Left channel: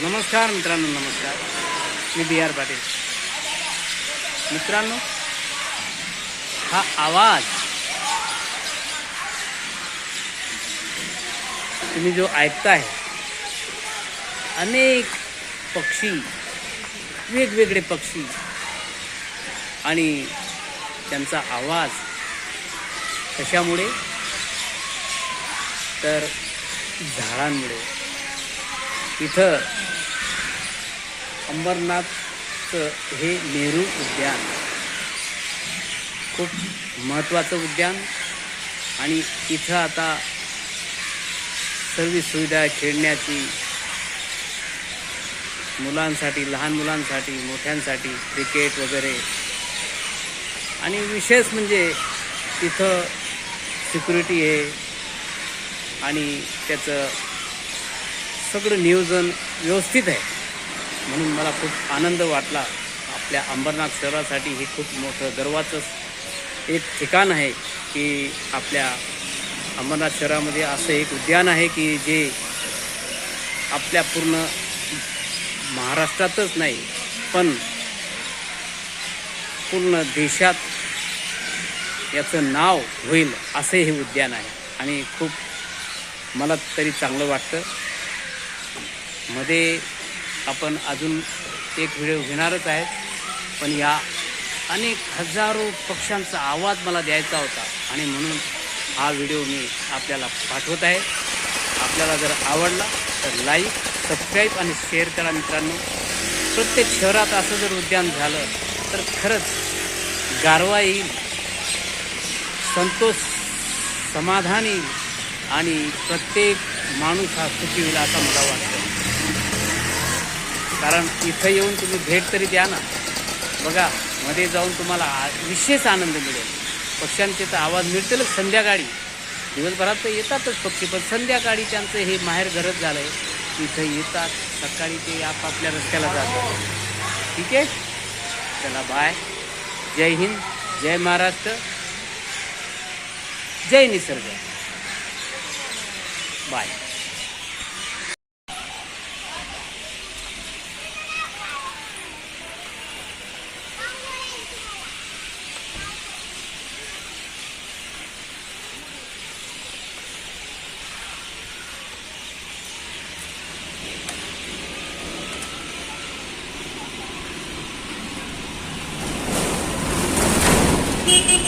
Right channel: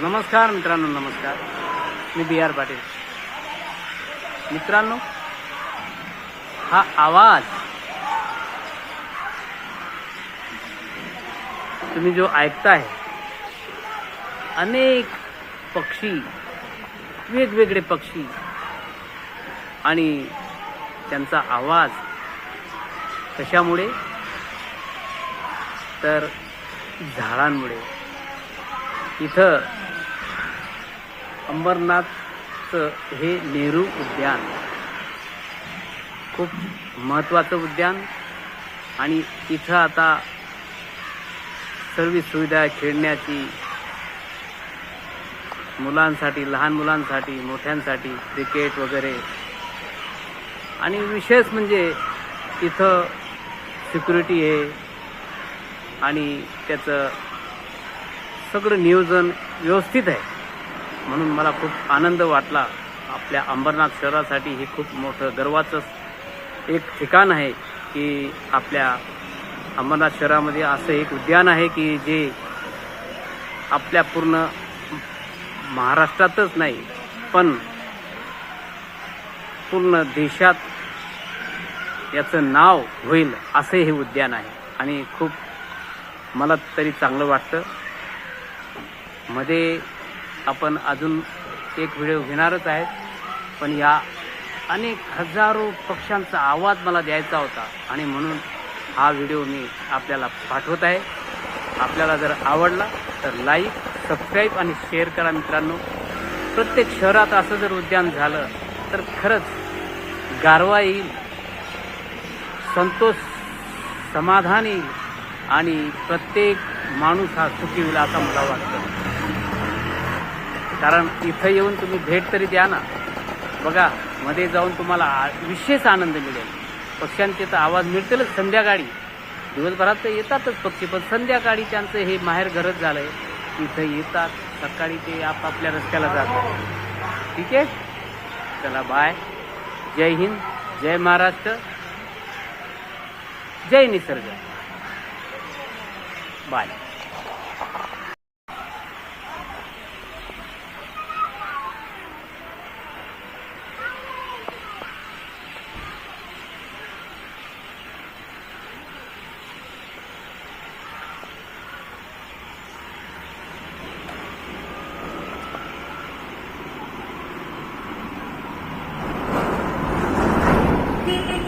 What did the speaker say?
नमस्कार मित्रों नमस्कार. मी बी आर पाटिल. मित्रों हा आवाज़ तुम्हें जो ऐकताय अनेक पक्षी वेगवेगळे पक्षी. आणि त्यांचा आवाज कशामुळे? तर झाडांमुळे. इथं अंबरनाथचं हे नेहरू उद्यान खूप महत्त्वाचं उद्यान. आणि इथं आता सर्व सुविधा खेळण्याची मुलांसाठी लहान मुलांसाठी मोठ्यांसाठी क्रिकेट वगैरे. आणि विशेष म्हणजे तिथं सिक्युरिटी आहे आणि त्याचं सगळं नियोजन व्यवस्थित आहे. म्हणून मला खूप आनंद वाटला. आपल्या अंबरनाथ शहरासाठी हे खूप मोठं गर्वाचं एक ठिकाण आहे की आपल्या अंबरनाथ शहरामध्ये असं एक उद्यान आहे की जे आपल्या पूर्ण महाराष्ट्रातच नाही पण पूर्ण देशात याचं नाव होईल असं हे उद्यान आहे. आणि खूप मला तरी चांगलं वाटतं. मध्ये आपण अजून एक व्हिडिओ घेणारच आहे पण या अनेक हजारो पक्ष्यांचा आवाज मला द्यायचा होता आणि म्हणून हा व्हिडिओ मी आपल्याला पाठवत आहे. आपल्याला जर आवडला तर लाईक सबस्क्राईब आणि शेअर करा मित्रांनो. प्रत्येक शहरात असं जर उद्यान झालं तर खरंच गारवा येईल संतोष समाधान येईल आणि प्रत्येक माणूस हा सुखी होईल असा मला वाटतं. कारण इथं येऊन तुम्ही भेट तरी द्या ना. बघा मध्ये जाऊन तुम्हाला आ- विशेष आनंद मिळेल. पक्ष्यांचे तर आवाज मिळतीलच संध्याकाळी. दिवसभरात तर येतातच पक्षी पण संध्याकाळी त्यांचं हे माहेर घरच झालं. इथं येतात सकाळी ते आपापल्या रस्त्याला जातात. ठीक आहे? चला बाय जय हिंद जय महाराष्ट्र. जय निसर्ग. Bye Thank you.